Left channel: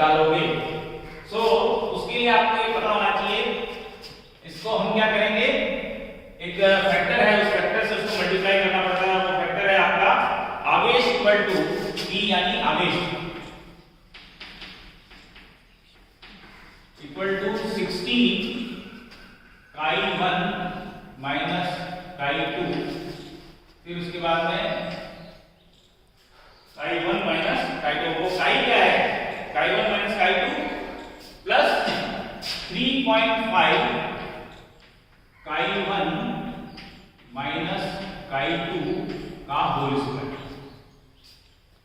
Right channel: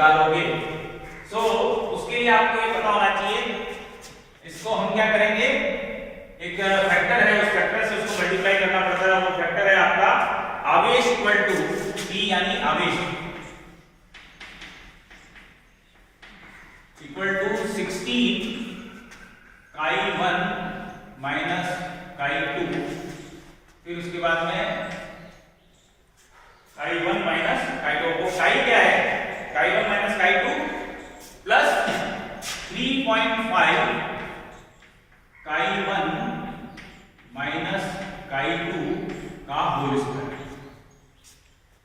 निकालोगे। सो उसके लिए आपको ये पता होना चाहिए, इसको हम क्या करेंगे, एक फैक्टर है, उस फैक्टर से उसको मल्टीप्लाई करना पड़ता है। वो फैक्टर है आपका आवेश इक्वल टू E यानी आवेश equal to 16 chi1 minus chi2, फिर उसके बाद में chi1 माइनस chi2। वो chi क्या है, chi1 minus chi2 plus 3.5 chi1 minus chi2 का होल स्क्वायर,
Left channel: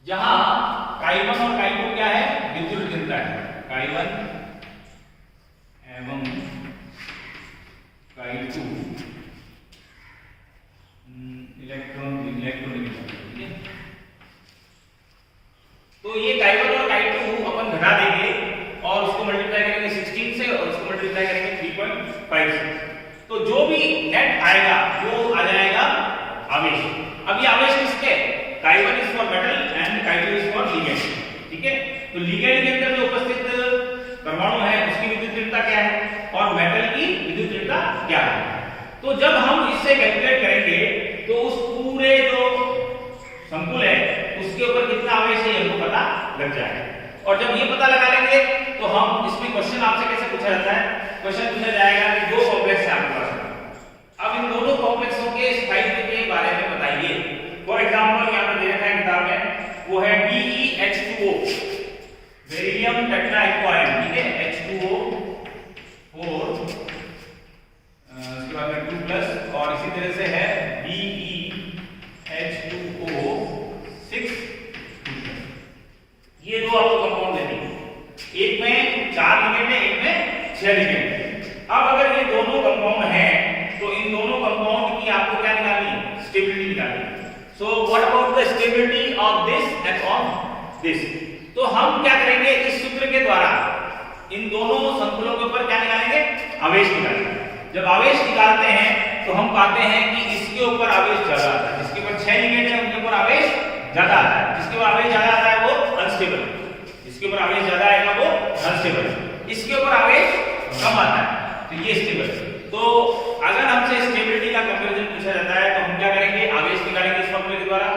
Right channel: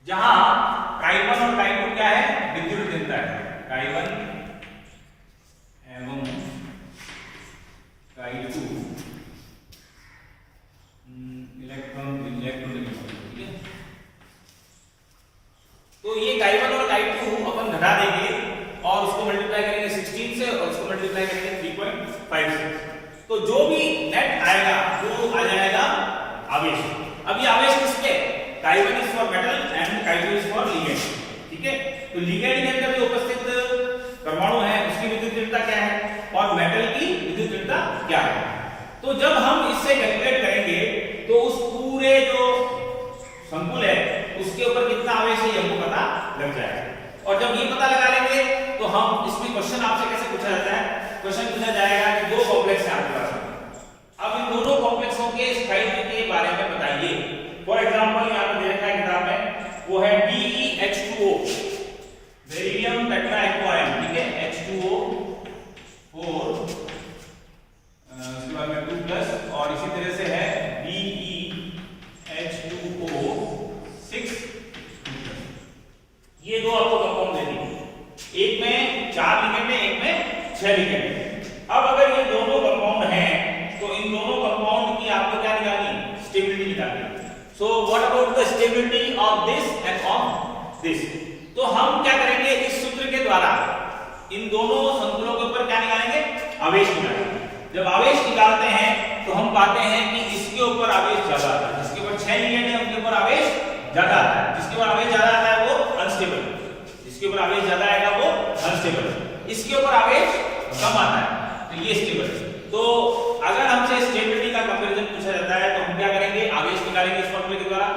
जहां chi1 और chi2 क्या है, विद्युत भिन्नता है। chi1 एवं chi2 इलेक्ट्रॉन ठीक है। तो ये chi1 और chi2 अपन घटा देंगे और उसको मल्टीप्लाई करेंगे 16 से और उसको मल्टीप्लाई करेंगे 3.5 से। तो जो भी नेट आएगा वो आ जाएगा आवेश। अब ये आवेश किसके, chi1 is for metal and chi2 is for ligand, ठीक है। तो लिगेंड के अंदर जो उपस्थित परमाणु है उसकी विद्युत ऋणता क्या है और मेटल की विद्युत ऋणता क्या है। तो जब हम इससे कैलकुलेट करेंगे तो उस पूरे जो संकुल है उसके ऊपर कितना आवेश है हमको पता लग जाएगा। और जब ये पता लगा लेंगे तो हम इसमें क्वेश्चन आपसे कैसे पूछा जाता है, क्वेश्चन पूछा जाएगा कि दो कॉम्प्लेक्स है आपके पास, अब इन दोनों कॉम्प्लेक्सों के स्थायित्व के बारे में बताइए। फॉर एग्जांपल यहां पर दे रखा है किताब में, वो है BeH2O बेरिलियम टेट्राएक्वायन, ठीक है, H2O 4 उसके बाद में 2 प्लस, और इसी तरह से है BeH2O 6 ये दो आपको कंपाउंड देंगे, एक में 4 लिगेंड है, एक में 6 लिगेंड है। अब अगर ये दोनों कंपाउंड हैं तो इन दोनों कंपाउंड की आपको क्या निकालनी, स्टेबिलिटी निकालनी। So what about the stability of this end of this. तो हम क्या करेंगे, इस सूत्र के द्वारा इन दोनों संकुलों के ऊपर क्या निकालेंगे, आवेश निकालेंगे। जब आवेश निकालते हैं तो हम पाते हैं कि इसके ऊपर आवेश ज्यादा आता है, जिसके ऊपर 6 लिगेंड है उनके ऊपर आवेश ज्यादा आता है, जिसके ऊपर आवेश ज्यादा आता है वो अनस्टेबल है, जिसके ऊपर आवेश ज्यादा आएगा वो अनस्टेबल है, इसके ऊपर आवेश कम आता है तो ये स्टेबल है। तो अगर हमसे स्टेबिलिटी का कंपैरिजन पूछा जाता है तो हम क्या करेंगे, आवेश निकालेंगे इस फॉर्मूले के द्वारा,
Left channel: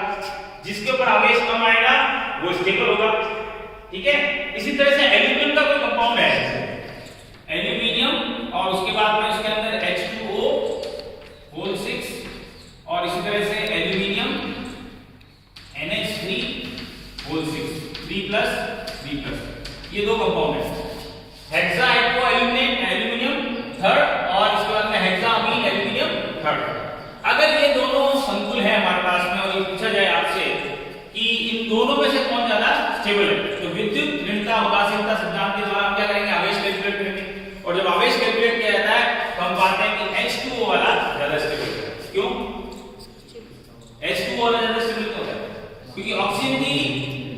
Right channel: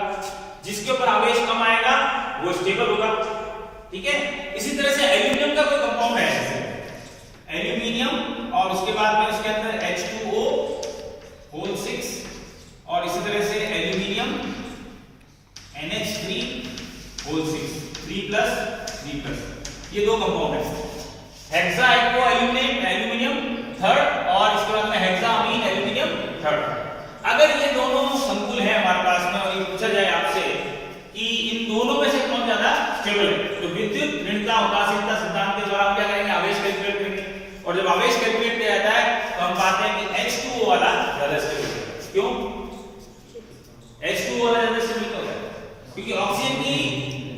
जिसके ऊपर आवेश कम आएगा वो स्टेबल होगा, ठीक है। इसी तरह से एल्यूमिनियम का कोई कंपाउंड है, एल्यूमिनियम और उसके बाद में उसके अंदर H2O होल 6 और इसी तरह से एल्यूमिनियम NH3 होल 6 3+, ये दो कंपाउंड है। हेक्सा एक्वा एल्यूमिनियम थर्ड और इसके बाद में हेक्सा अमीन एल्यूमिनियम थर्ड। अगर ये दोनों संकुल है हमारे पास में और ये पूछा जाए आपसे कि इन दोनों में से कौन ज्यादा स्टेबल है, तो विद्युत ऋणता उदासीनता सिद्धांत के द्वारा हम क्या करेंगे, आवेश कैलकुलेट करेंगे। और जब आवेश कैलकुलेट किया जाता है तो हम पाते हैं कि H2O वाला ज्यादा स्टेबल है। क्यों H2O वाला ज्यादा स्टेबल होता है, क्योंकि ऑक्सीजन की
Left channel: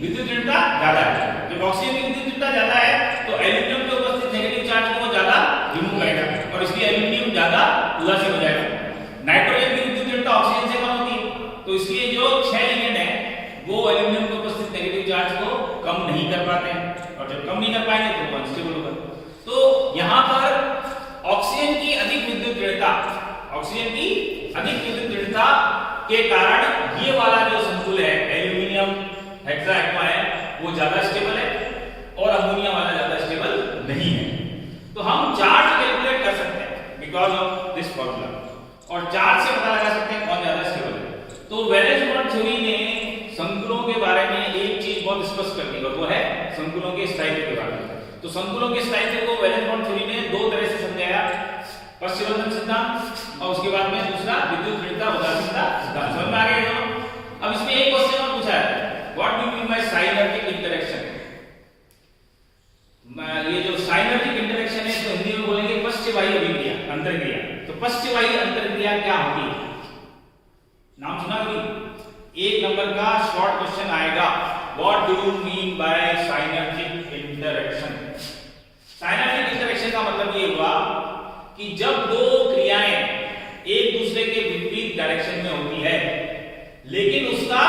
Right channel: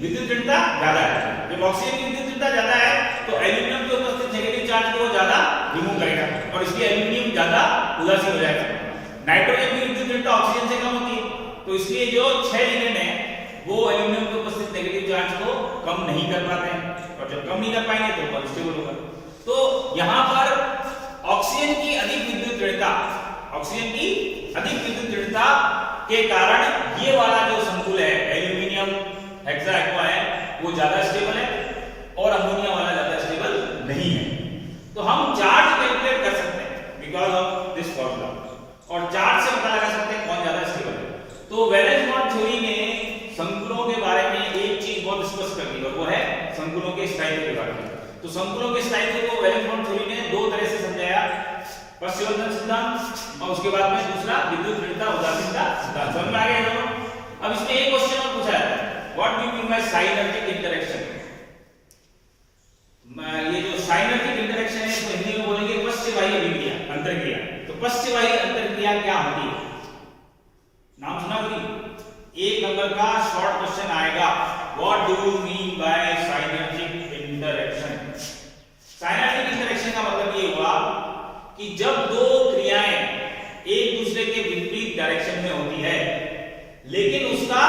विद्युत ऋणता ज्यादा है। जब ऑक्सीजन की विद्युत ऋणता ज्यादा है तो एल्यूमिनियम के उपस्थित नेगेटिव चार्ज को ज्यादा रिमूव करेगा और इसलिए एल्यूमिनियम ज्यादा उदासीन हो जाएगा। नाइट्रोजन की विद्युत ऋणता ऑक्सीजन से कम होती है तो इसलिए जो 6 लिगेंड है वो एल्यूमिनियम के उपस्थित नेगेटिव चार्ज को कम नहीं कर पाते हैं, और जब कम नहीं कर पाएंगे तो वो अनस्टेबल होगा। तो यहां पर ऑक्सीजन की अधिक विद्युत ऋणता के कारण ये वाला जो संकुल है एल्यूमिनियम हेक्सा एक्वायन वो ज्यादा स्टेबल है और अमोनिया वाला ज्यादा स्टेबल नहीं है। तो हम चार्ज कैलकुलेट कर सकते हैं बिकॉज ऑफ दिस फॉर्मूला, और चार्ज से पता लगा सकते हैं कौन ज्यादा स्टेबल है। तो वैलेंस बॉन्ड थ्योरी ने संकुलों के बारे में एक चीज बहुत स्पष्ट कर दी और वो है संकुलों के स्थायित्व के बारे में। तो संकुलों के स्थायित्व को वैलेंस बॉन्ड थ्योरी ने दो तरह से समझाया, पश्चबंधन सिद्धांत और उसके बाद में दूसरा विद्युत ऋणता उदासीनता सिद्धांत। समझ में आ गया दोनों। अब इसमें एक क्वेश्चन और पूछा है, what do you mean by synergic interaction. ये जो साइनर्जिक इंटरेक्शन है तो हिंदी में बोलेंगे पश्चवाही अभिक्रिया, अंतरक्रिया। तो पश्चवाही अंतरक्रिया क्या होती है, नाम सुना कोई? एक नंबर का शॉर्ट क्वेश्चन आएगा, what do you mean by synergic interaction. Synergic interaction का मतलब ये हुआ कि जब दो क्रियाएं एक दूसरे के विपरीत डायरेक्शन में होती है लेकिन उसका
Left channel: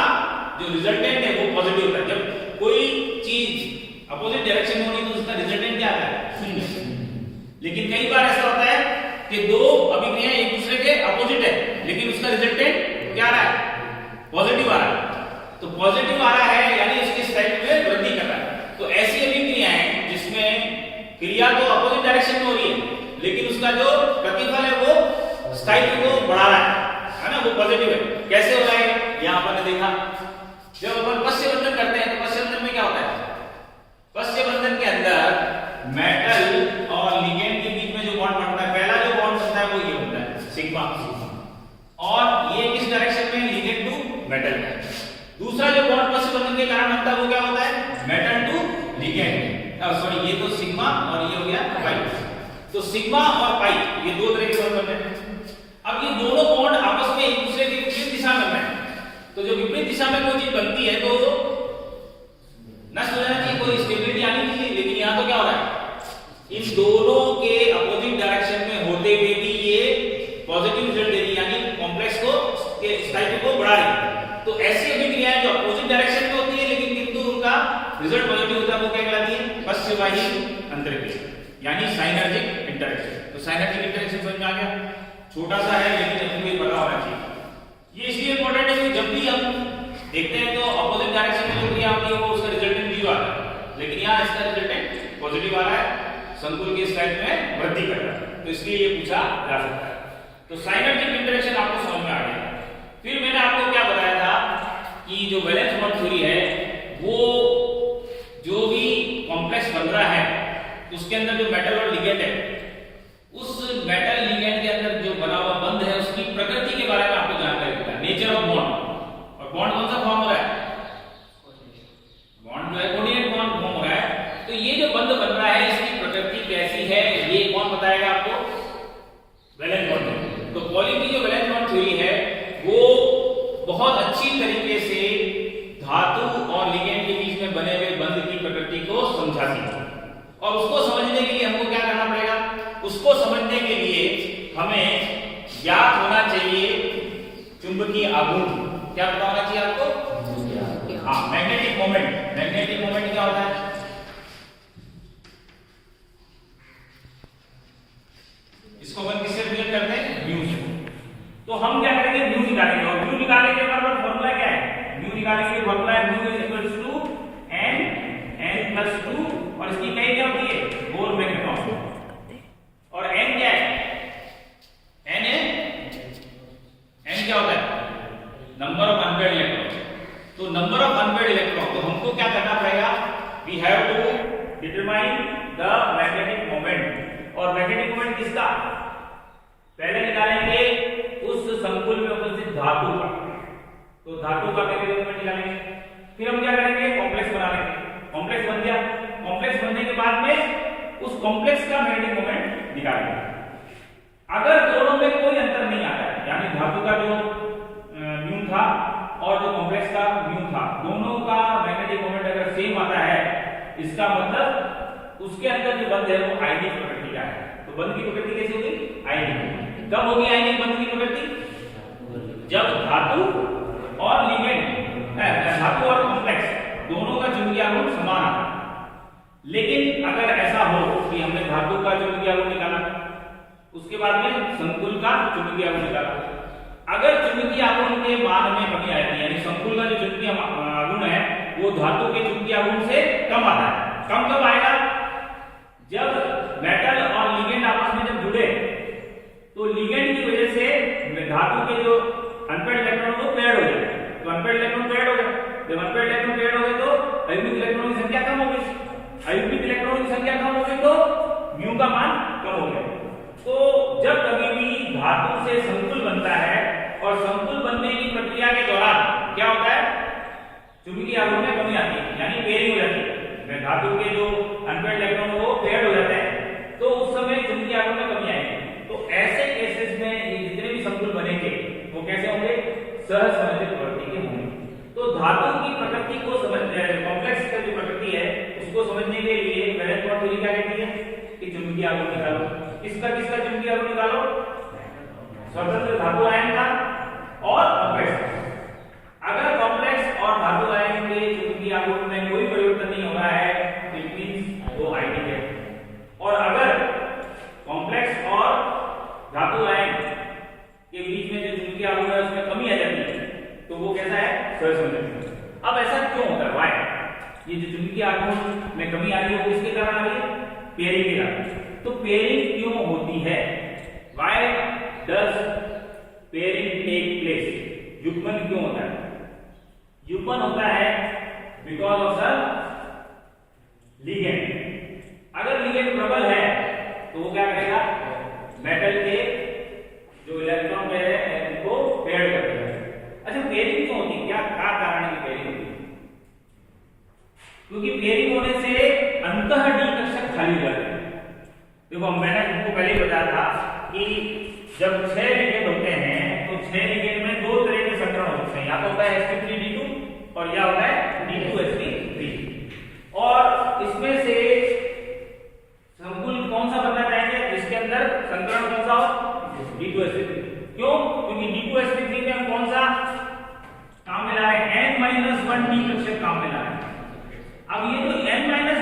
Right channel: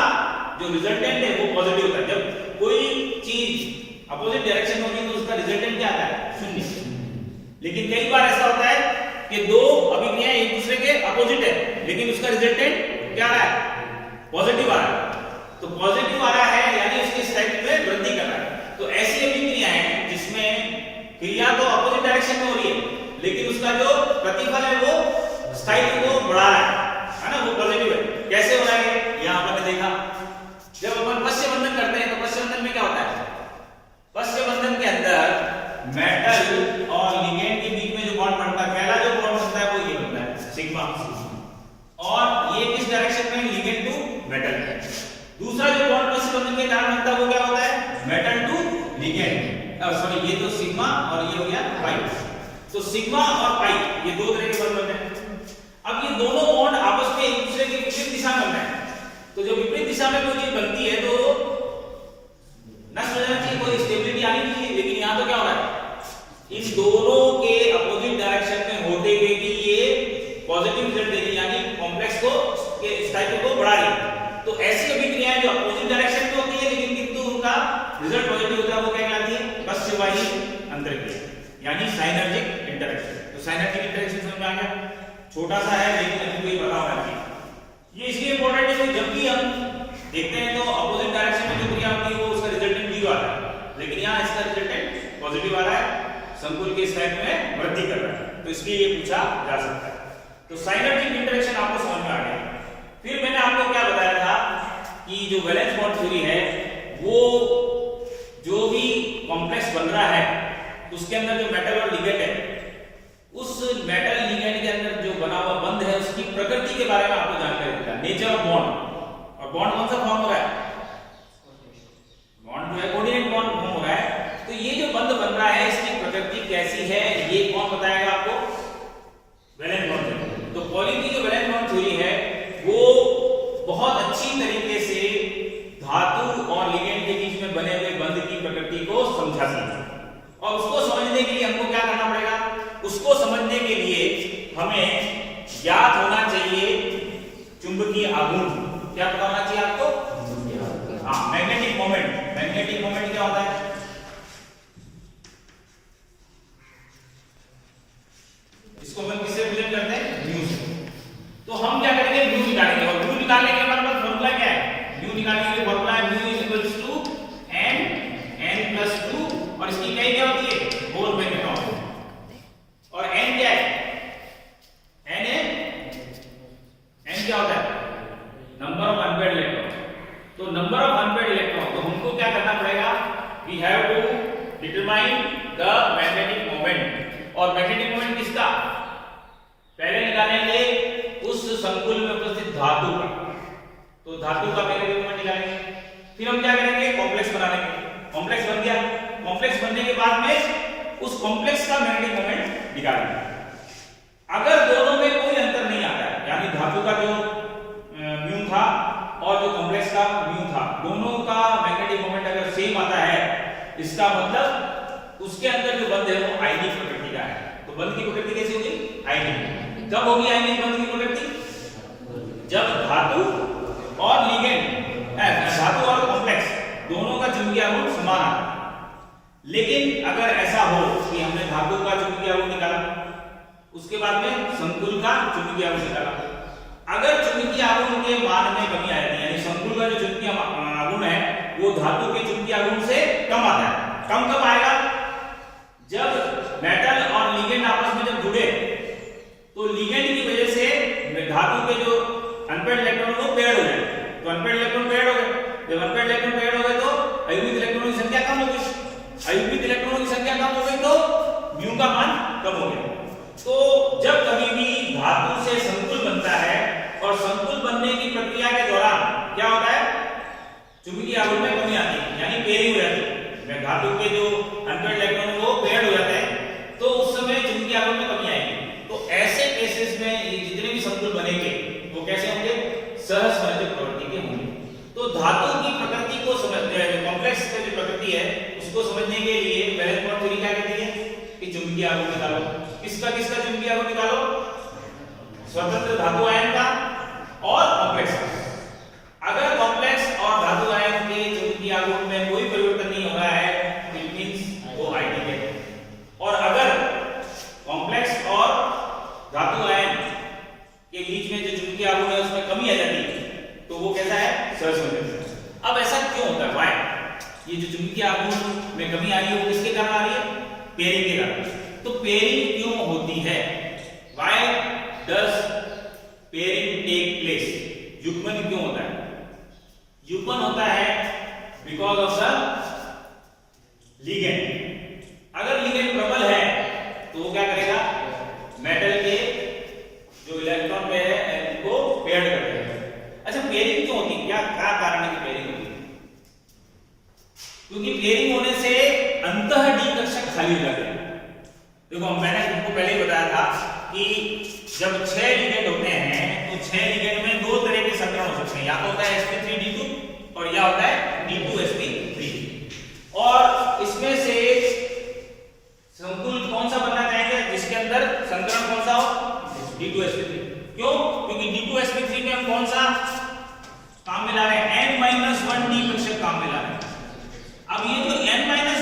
जो रिजल्टेंट है वो पॉजिटिव होता है। जब कोई चीज अपोजिट डायरेक्शन में होगी तो अपोजिट है, लेकिन उसका रिजल्टेंट क्या आ रहा है? पॉजिटिव आ रहा है। तो पॉजिटिव आ रहा है यानी उसके स्ट्राइक में वृद्धि कर रहा है। तो ऐसी अभिक्रिया है जिसमें क्रिया तो अपोजिट डायरेक्शन में हो रही है, लेकिन उसका जो प्रतिफल है वो स्थायित्व को बढ़ा रहा है ना, वो पॉजिटिव है। कैसे हो रहा है? यहाँ पर देखा, जब अपन पश्च बंधन करते हैं तो पश्च बंधन में क्या होता है? पश्च बंधन के अंदर मेटल और लिगेंड के बीच में जो बॉन्ड बनता है, पहला जो बॉन्ड बनता है वो ये बनता है सिग्मा, और ये किस डायरेक्शन में? लिगेंड टू मेटल है। दूसरा जो बॉन्ड पश्च बंधन के कारण बनता है वो क्या होता है? मेटल टू लिगेंड, सॉरी ये तो सिग्मा और ये हो गया पाई। तो सिग्मा और पाई ये दो तरह के बॉन्ड बनते हैं। अब ये दोनों बॉन्ड आपस में एक दूसरे के विपरीत दिशा में हैं, तो जो विपरीत दिशा में कोई चीज बनती है तो नष्ट हो जाना चाहिए, कोई स्टेबिलिटी आनी चाहिए, लेकिन यहाँ तो क्या हो रहा है? इन दोनों के अपोजिट डायरेक्शन में होते हुए भी ये पॉजिटिव रिजल्ट दे रही है, यानी कॉम्प्लेक्स को के स्थायित्व को बढ़ा रही है। तो ऐसी अभिक्रियाएं जो अपोजिट डायरेक्शन में होती है लेकिन किंतु उनका रिजल्ट पॉजिटिव होता है वो क्या कहलाती है? पश्चवाही अंतर्क्रिया, यानी साइनर्जिक इंटरेक्शन। तो साइनर्जिक इंटरेक्शन समझ में आ गया? छोटा सा है लेकिन आपको ये पता होना चाहिए। ये इसलिए इंपॉर्टेंट है कि जब भी हम देखते हैं तो अपोजिट डायरेक्शन में जो क्रिया होती है वो उसका रिजल्टेंट 0 आ रहा है, लेकिन यहाँ इसका रिजल्टेंट पॉजिटिव आ रहा है, संकुल के स्थायित्व में वृद्धि कर रहा है। तो इसलिए ये पूछा जा सकता है। तो साइनर्जिक इंटरेक्शन आपको समझ में आ गया। फिर मैंने आपको क्या बताया था कि जो वैलेंस बॉन्ड थ्योरी है वो जो भी कॉम्प्लेक्स बन रहा है उसके अंदर जो मेटल और लिगेंड है, उस मेटल लिगेंड के अंदर जो बना हुआ बंध है उसकी प्रकृति के बारे में आपको जानकारी देता है, नेचर ऑफ बॉन्ड। और बॉन्ड कौन सा फॉर्म हो रहा है? बॉन्ड जो है कोऑर्डिनेट बॉन्ड फॉर्म हो रहा है। तो ये जो बंध बन रहा है इसकी प्रकृति कैसी है ये कौन बताएगा आपको? Valence bond theory. तो पॉली की जो वैलेंस बॉन्ड थ्योरी है वो बहुत अच्छी तरीके से धातु और लिगेंड के बीच में बने हुए बंध की प्रकृति को समझाती है। और उसको समझने के लिए हमको क्या करना पड़ेगा? उसको समझने के लिए हमें ज्ञात होना चाहिए चुंबकीय आघूर्ण। क्या पता होना चाहिए आपको? हाँ, मैग्नेटिक मोमेंट। मैग्नेटिक मोमेंट क्या होता है? इसको अपन किससे रिप्रेजेंट करते हैं? म्यू से। तो हम क्या करेंगे? म्यू निकालेंगे, और म्यू निकालने के बाद फॉर्मूला क्या है? म्यू निकालने के लिए फॉर्मूला है mu is equals to n plus 2, और इसकी इकाई क्या होती है? Bore magnetron. और n क्या है? n है, n क्या होता है? Number of unpaired electron. तो नंबर ऑफ अनपेयर्ड इलेक्ट्रॉन, तो हमको क्या करना पड़ेगा? We have to determine the magnetic moment. और मैग्नेटिक मोमेंट किसका? पहले निकालेंगे उस संकुल में उपस्थित धातु का। तो धातु का मैग्नेटिक मोमेंट निकालेंगे। फिर हम क्या करेंगे? कॉम्प्लेक्स बना लेंगे। कॉम्प्लेक्स बन गया। कॉम्प्लेक्स बनने के बाद में उस कॉम्प्लेक्स का मैग्नेटिक मोमेंट निकालेंगे। अगर दोनों में कोई अंतर नहीं आता है, यानी धातु का जो म्यू था और जो कॉम्प्लेक्स का म्यू था, दोनों का मैग्नेटिक मोमेंट अगर सेम आता है, इसका मतलब उसके अंदर जो बंध है वो आयनिक प्रकृति का है। तो बंध की प्रकृति कैसी होगी? आयनिक। कब होगी आयनिक बंध की प्रकृति? जब धातु और लिगेंड, धातु और कॉम्प्लेक्स दोनों का चुंबकीय आघूर्ण समान आता। लेकिन अगर ऐसा हो कि हमने धातु का चुंबकीय आघूर्ण निकाला, उसके बाद में संकुल का चुंबकीय आघूर्ण निकाला, अगर चुंबकीय आघूर्ण के मान में कमी आती है, यानी संकुल का जो चुंबकीय आघूर्ण है वो धातु के चुंबकीय आघूर्ण से कम आता है। कम कब आएगा? जब मेटल और लिगेंड आपस में जब जुड़े तो लिगेंड की वजह से धातु के जो अनपेयर्ड इलेक्ट्रॉन वो पेयर्ड हो जाए। तो अनपेयर्ड इलेक्ट्रॉन पेयर्ड हो गए। जब अनपेयर्ड इलेक्ट्रॉन पेयर्ड हो गए तो अयुग्मित इलेक्ट्रॉनों की संख्या कम हो गई। अयुग्मित इलेक्ट्रॉनों की संख्या कम हो गई तो म्यू का मान कम हो गया। तो जब कभी भी धातु से संकुल बनता है और संकुल बनने की प्रक्रिया के दौरान क्या होता है? चुंबकीय आघूर्ण में कमी आती है, यानी पेयरिंग हो जाती है। धातु के जो अनपेयर्ड इलेक्ट्रॉन वो पेयर्ड हो जाते हैं, तो उस समय चुंबकीय आघूर्ण में कमी आएगी। तो ऐसे केसेस में जितने भी संकुल बनेंगे वो कैसे होंगे? सहसंयोजक प्रवृत्ति के होंगे। तो धातु की प्रकृति को समझने, कॉम्प्लेक्स की जो प्रकृति है उसको समझने के लिए वैलेंस बॉन्ड थ्योरी क्या कहती है कि चुंबकीय आघूर्ण निकालो। किसका चुंबकीय आघूर्ण निकालो? स्वतंत्र धातु आयन का और कॉम्प्लेक्स का। अगर कॉम्प्लेक्स और धातु आयन के चुंबकीय आघूर्ण में कोई परिवर्तन नहीं हो रहा है, इट मींस वो आइडियल है। और अगर कॉम्प्लेक्स और धातु आयन के बीच में कमी आ रही है वो किसके कारण आ रही है? पेयरिंग के कारण। तो पेयरिंग क्यों होती है? Why does pairing take place? युग्मन क्यों होता है? युग्मन होता है बिकॉज ऑफ द लिगेंड। अगर लिगेंड प्रबल है तो वो क्या करेगा? मेटल के जो इलेक्ट्रॉन पेयर है उनको पेयर कर देगा। अच्छा, पेयरिंग क्यों होती है? क्या कारण है कि पेयरिंग होती है? क्योंकि पेयरिंग होने से अंतः डी कक्षक खाली हो जाते हैं। देखो मैंने तुमको पहले ही बताया था कि जब 6 लिगेंड होते हैं तो 6 लिगेंड में दो तरह के संकरण हो सकते हैं, या तो होता है sp3d2 और या होता है d2sp3। और इसमें से संकुल कौन सा बनना चाहेंगे जिसके अंदर संकरण कौन सा हो? d2sp3। क्यों? क्योंकि d2sp3 में हम कौन सा काम मिला रहे हैं? n-1 डी कक्षक काम मिला रहे हैं। अब ये जो n-1